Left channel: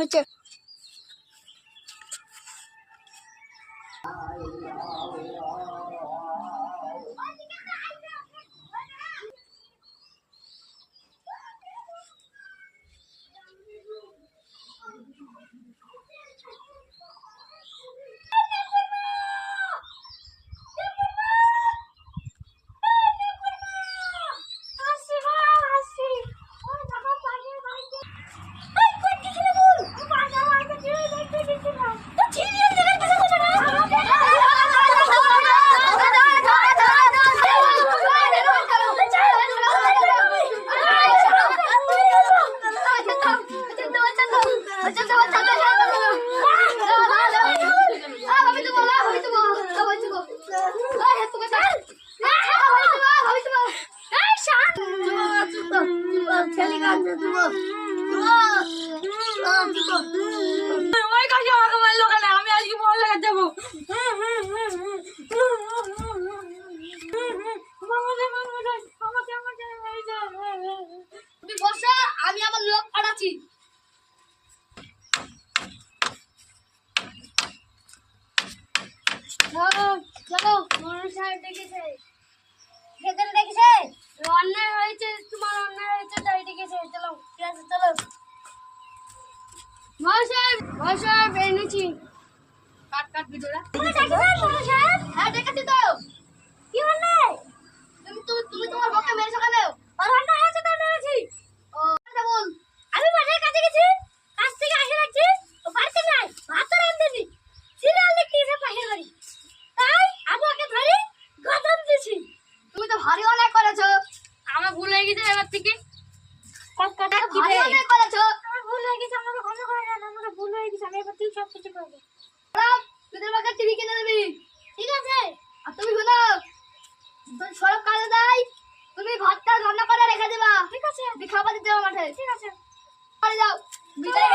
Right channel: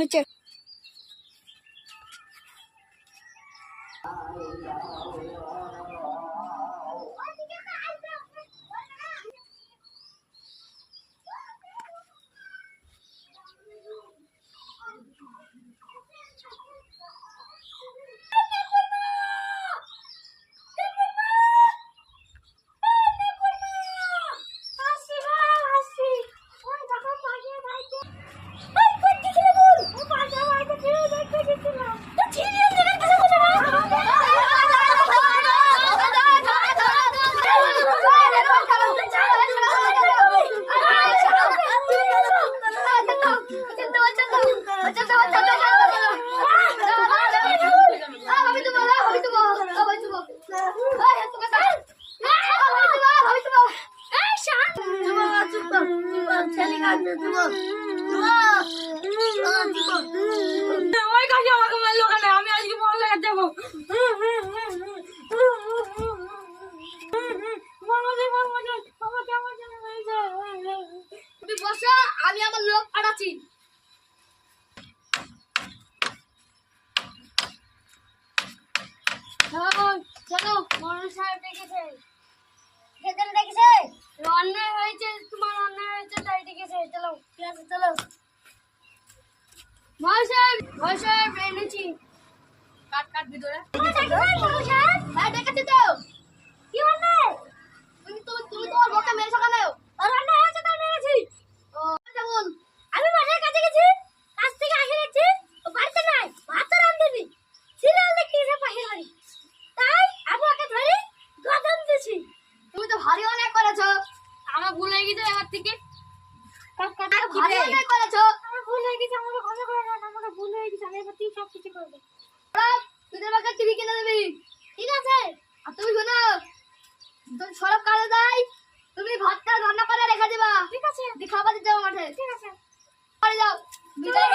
হচ্ছে আমি আমার লোক পাঠাচ্ছি। চলো মনে সাহেব ডেকেছে। ভেতরে ডেকেছে। অন্যায় হয়েছে, তোমার অন্যায় হয়েছে তাই ডেকেছে। চলো ঠিক আছে চলো। ভাই সাহেব এনেছি। কাট ভিতরে। হ্যাঁ ডেকেছি তো। কি অন্যায়? তুমি তোমার বউকে মেরেছো কেন? আর অন্যায় হয়েছে তাই মেরেছি। ও যেমন আমি মাঠের কাছে গেছি, কাছ থেকে আসে রাখছি, ও বাড়িতে নাই, ভাত রাঁধেনি, সিরিয়াল দেখতে এসে পাশের বাড়ি, তাই আমি ওকে ধরে গদম দিয়েছি। তুমি তো ভারী অন্যায় করেছো। আমার ভুল হয়ে গেছে, এবার থেকে ভারী অন্যায় করেছো। আমার ভুল হয়ে গেছে, আমাকে ক্ষমা করে দেন। আমাকে ভুল হয়ে গেছে, আমি এবার থেকে সব কিছু করবো। তোদের বাচ্চা টিভি কিনে দিবি, ঠিক আছে? আর তুমি শোনো, সরব কাজে যাই, তুমি ভাতটা রান্না করে রেখে দেবা, ঠিক আছে? খাবার দিতে যাবো মাঠে, ঠিক আছে? যাও বিদায়।